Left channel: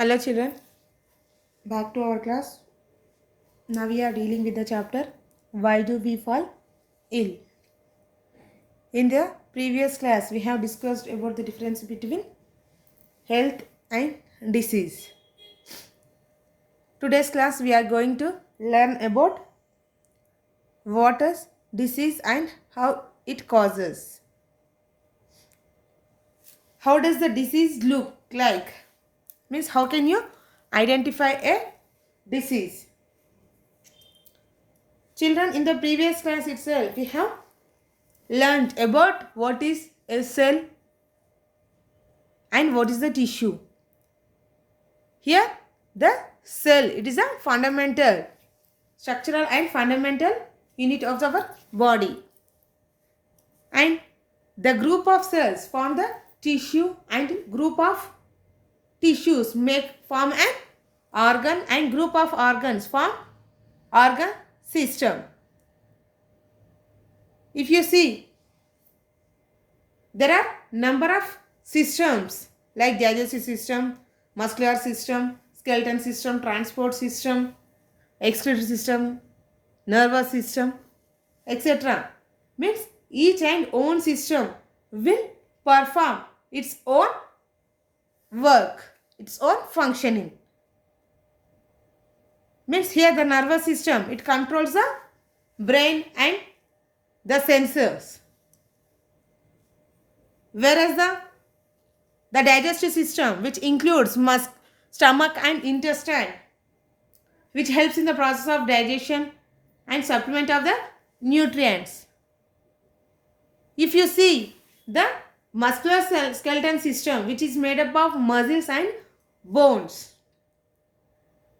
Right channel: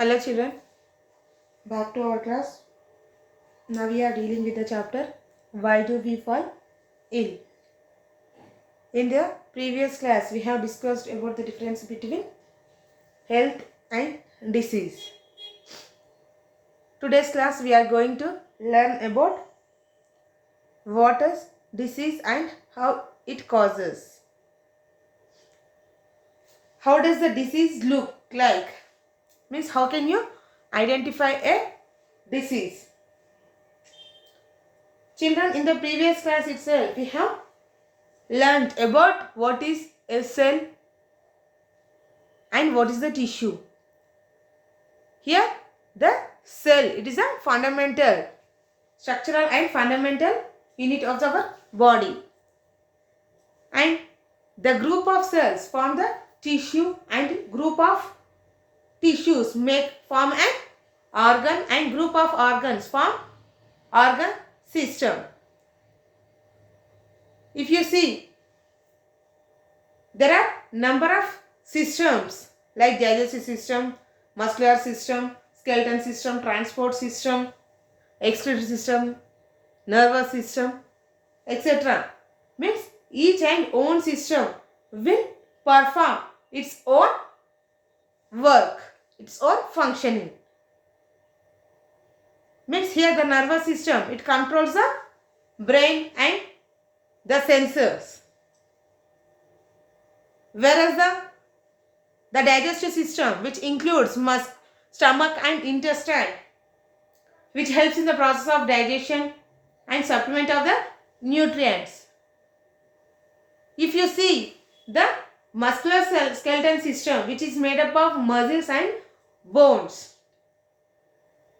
Hello children, back to our class. Now we are dealing with the chapter Why do we fall ill? In the previous class we have discussed about the difference between health and disease. Today's class we are going to learn about what is disease and how it causes. How does the disease look like? Means how can you identify a disease? Children, in the previous class itself we have learned about what is a cell and what is the tissue. Here the cell, it is a fundamental, structural and fundamental unit of our body, and the group of cells form the tissue and group of tissues form an organ and group of organs form organ system. If you see, there are number of systems like digestive system, muscular system, skeleton system, transport system, excretory system, nervous system, etc. Means each and own system will perform its own work, its own functioning. Means here the nervous system, it controls the brain and the sensors. Whereas the digestive system, which includes stomach and intestine, which helps in the process of digestion and supplement of the nutrients. If you see the muscular skeleton system, which is made up of muscles and bones,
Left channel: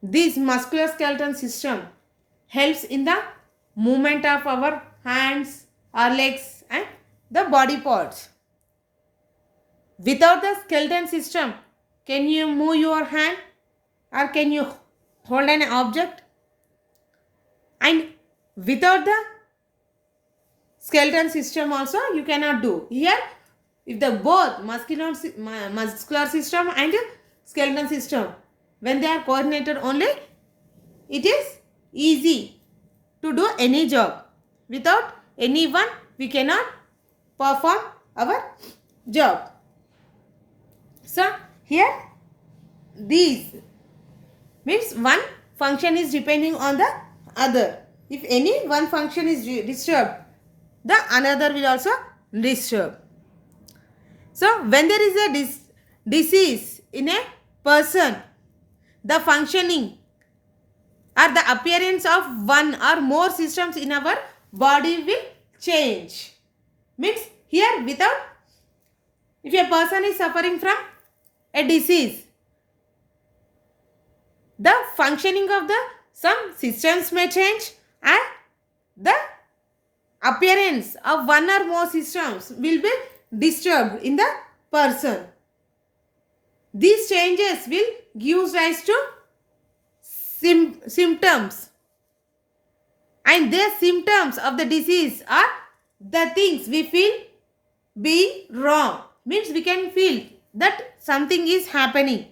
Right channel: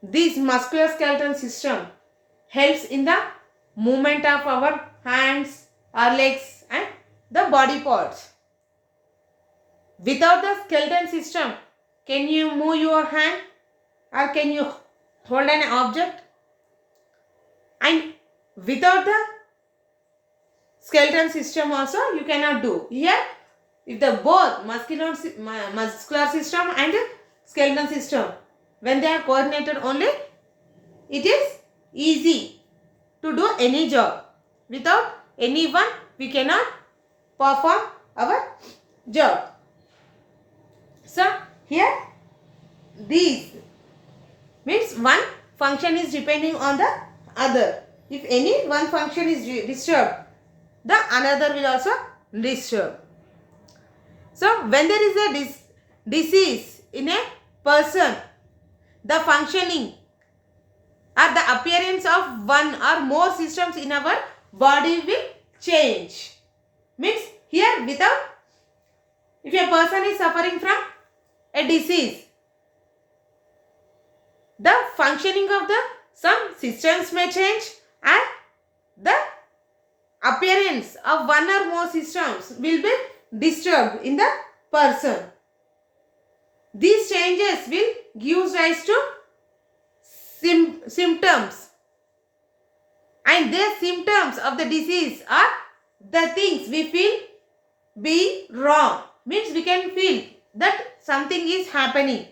this muscular skeleton system helps in the movement of our hands, our legs and the body parts. Without the skeleton system, can you move your hand or can you hold an object? And without the skeleton system also you cannot do. Here, if the both muscular system and skeleton system, when they are coordinated only, it is easy to do any job. Without anyone, we cannot perform our job. So here these means one function is depending on the other. If any one function is disturbed, the another will also disturb. So when there is a disease in a person, the functioning or the appearance of one or more systems in our body will change. Means here without, if a person is suffering from a disease, the functioning of the some systems may change and the appearance of one or more systems will be disturbed in the person. These changes will give rise to symptoms, and the symptoms of the disease are the things we feel be wrong. Means we can feel that something is happening.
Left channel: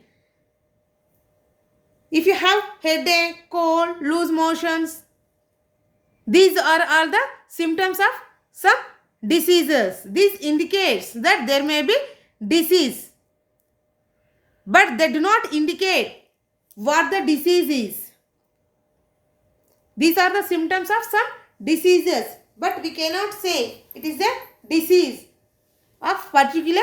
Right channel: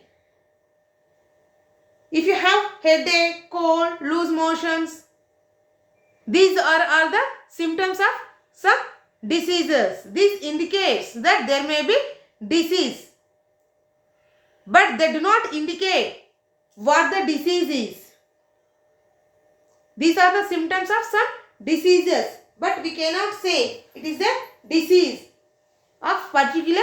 If you have headache, cold, loose motions, these are all the symptoms of some diseases. This indicates that there may be disease, but they do not indicate what the disease is. These are the symptoms of some diseases, but we cannot say it is a disease of particular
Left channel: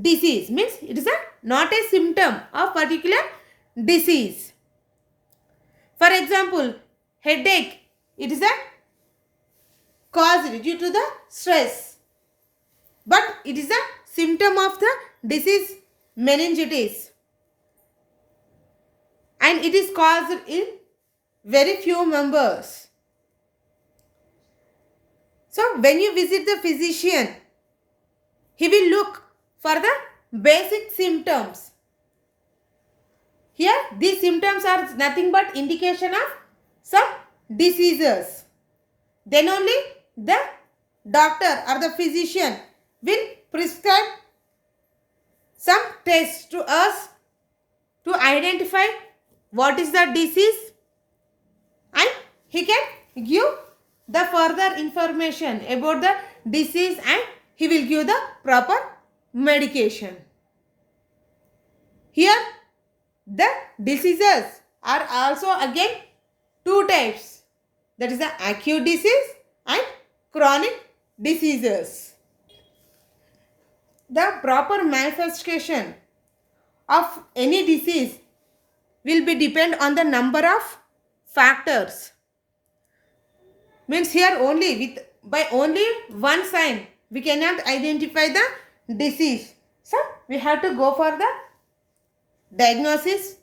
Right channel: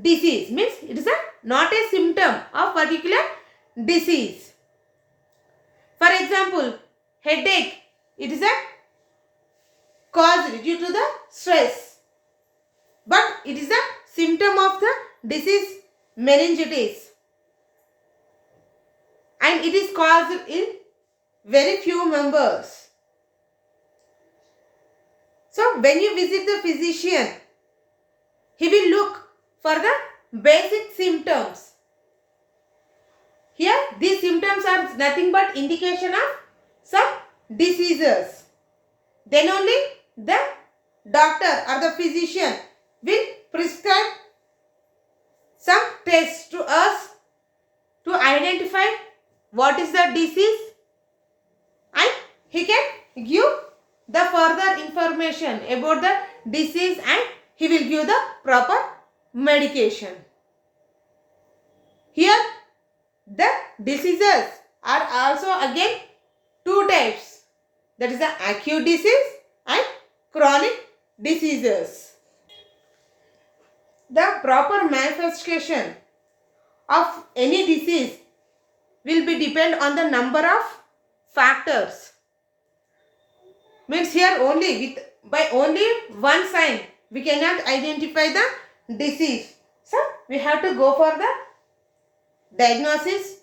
disease. Means it is not a symptom of particular disease. For example, headache, it is a cause due to the stress, but it is a symptom of the disease meningitis, and it is caused in very few members. So when you visit the physician, he will look for the basic symptoms. Here these symptoms are nothing but indication of some diseases. Then only the doctor or the physician will prescribe some tests to us to identify identify what is the disease and he can give the further information about the disease and he will give the proper medication. Here the diseases are also again two types, that is the acute disease and chronic diseases. The proper manifestation of any disease will be depend on the number of factors. Means here only by only one sign we cannot identify the disease. So we have to go for the diagnosis.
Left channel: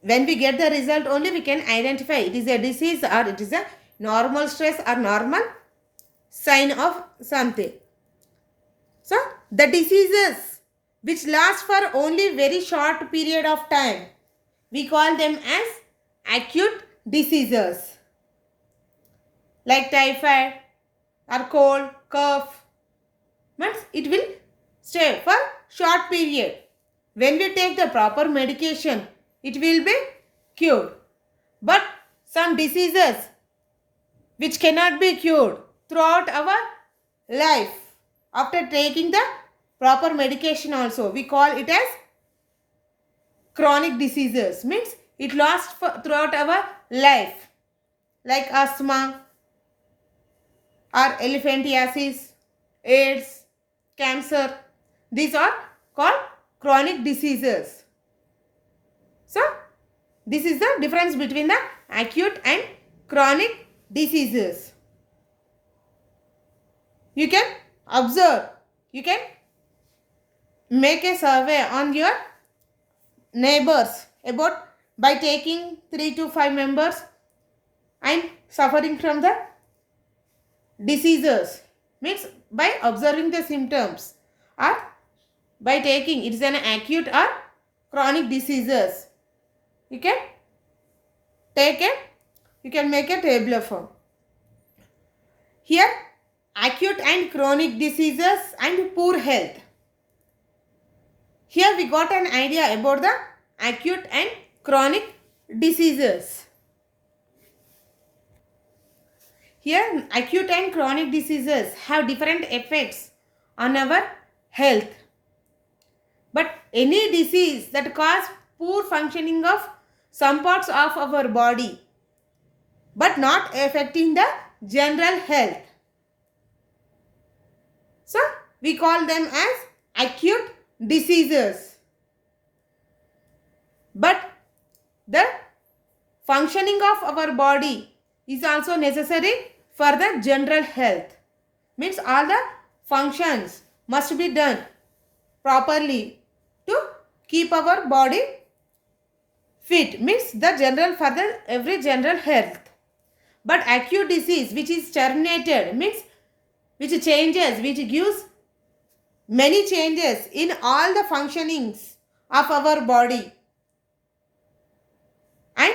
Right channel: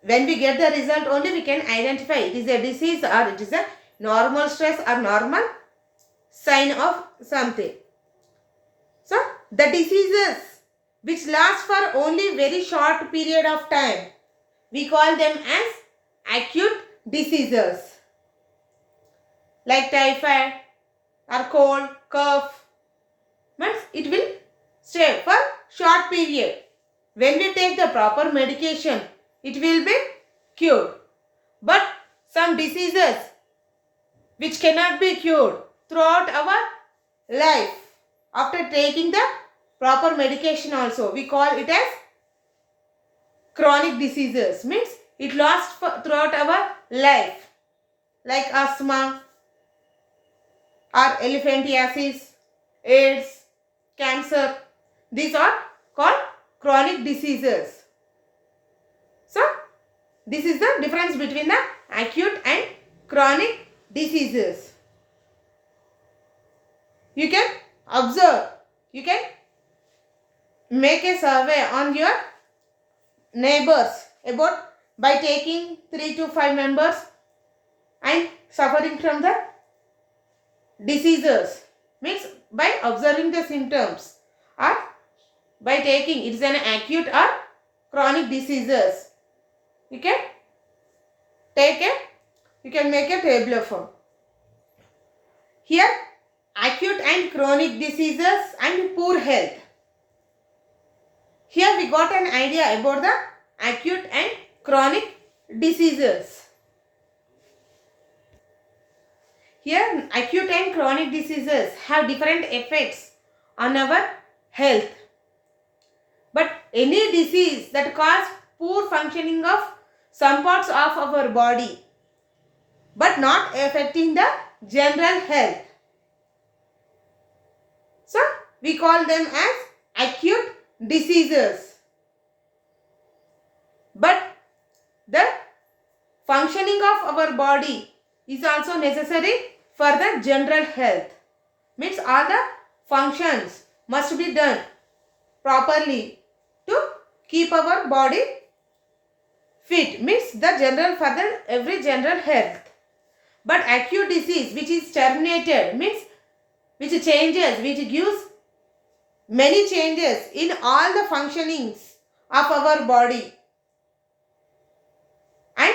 When we get the result only we can identify it is a disease or it is a normal stress or normal sign of something. So the diseases which last for only very short period of time, we call them as acute diseases. Like typhoid or cold, cough, means it will stay for short period. When we take the proper medication, it will be cured. But some diseases which cannot be cured throughout our life, after taking the proper medication also, we call it as chronic diseases. Means it lasts throughout our life, like asthma or elephantiasis, AIDS, cancer. These are called chronic diseases. So this is the difference between the acute and chronic diseases. You can observe, you can make a survey on your neighbors about by taking 3 to 5 members and suffering from the diseases, means by observing the symptoms or by taking it is an acute or chronic diseases. You can make a tabular form. Here acute and chronic diseases and poor health. Here we got an idea about the acute and chronic diseases. Here acute and chronic diseases have different effects on our health. But any disease that cause poor functioning of some parts of our body but not affecting the general health, so we call them as acute diseases. But the functioning of our body is also necessary for the general health. Means all the functions must be done properly to keep our body fit. Means the general for the every general health. But acute disease which is terminated, means which changes, which gives many changes in all the functionings of our body and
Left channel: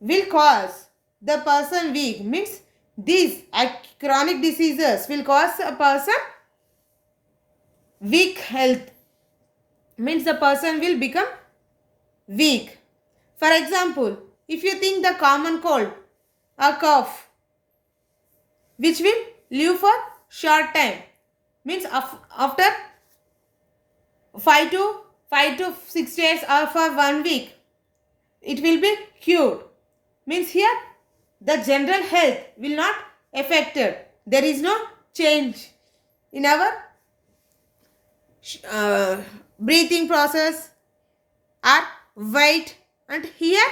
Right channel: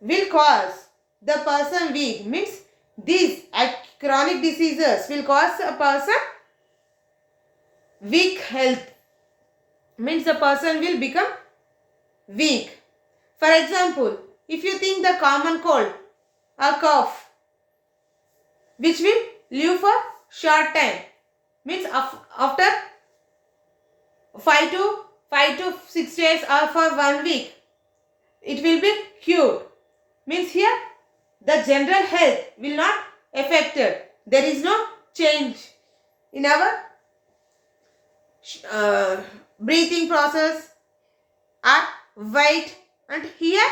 will cause the person weak. Means these chronic diseases will cause a person weak health. Means the person will become weak. For example, if you think the common cold or cough which will live for short time, means after 5 to 6 days or for 1 week it will be cured. Means here the general health will not affected. There is no change in our breathing process or weight, and here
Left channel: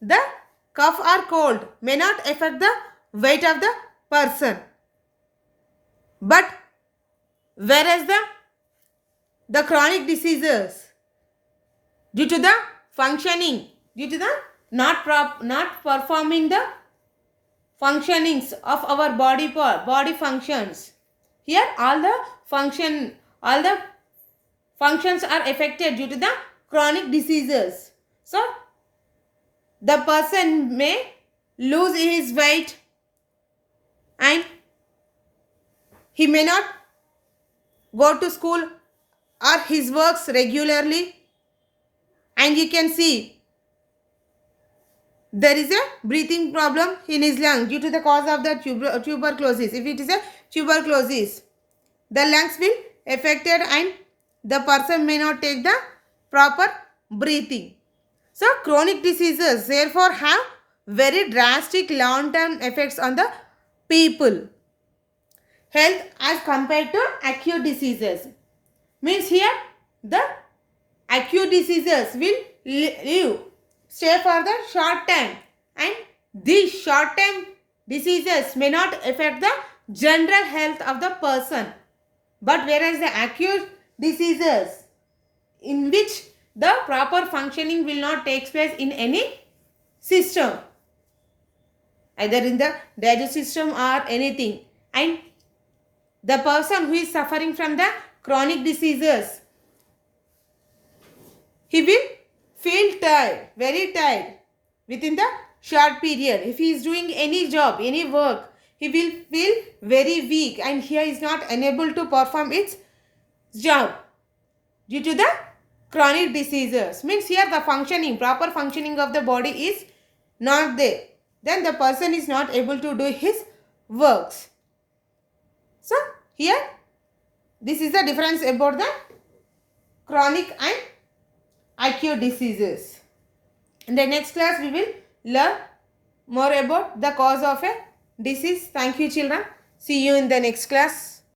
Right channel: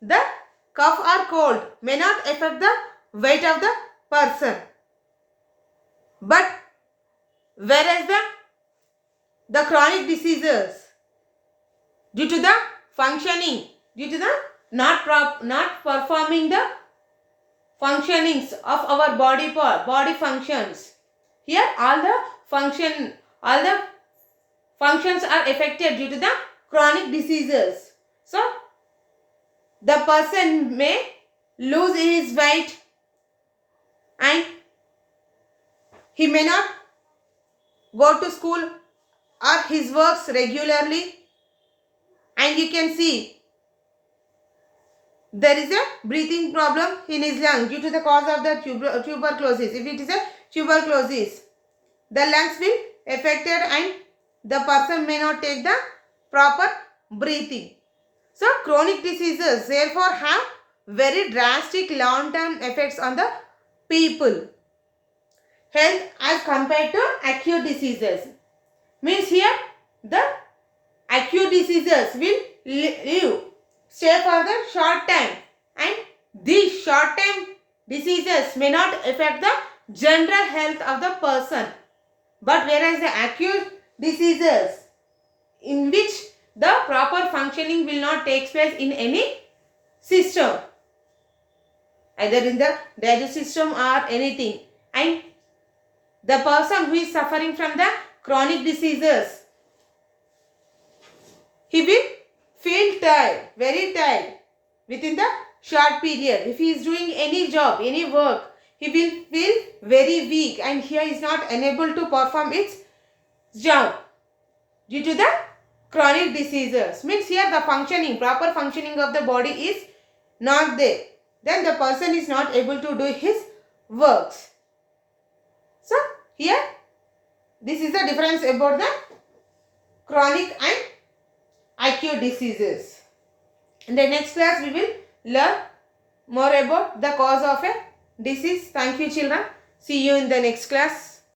the cough or cold may not affect the weight of the person. But whereas the chronic diseases, due to the functioning, due to the not performing the functionings of our body functions, here all the functions are affected due to the chronic diseases. So the person may lose his weight and he may not go to school or his works regularly, and you can see there is a breathing problem in his lung due to the cause of the tuberculosis. If it is a tuberculosis, the lungs will affected and the person may not take the proper breathing. So chronic diseases therefore have very drastic long-term effects on the people health as compared to acute diseases. Means here the acute diseases will live stay for the short time, and these short time diseases may not affect the general health of the person. But whereas the acute diseases in which the proper functioning will not take place in any system, either in the digestive system or anything, and the person who is suffering from the chronic diseases, he will feel tired, very tired within the short period. If he is doing any job, any work, he will feel very weak and he is not unable to perform its job due to the chronic diseases. Means here the functioning, proper functioning of the body is not there. Then the person is not able to do his works. So here this is the difference about the chronic and acute diseases. In the next class we will learn more about the cause of a disease. Thank you children. See you in the next class.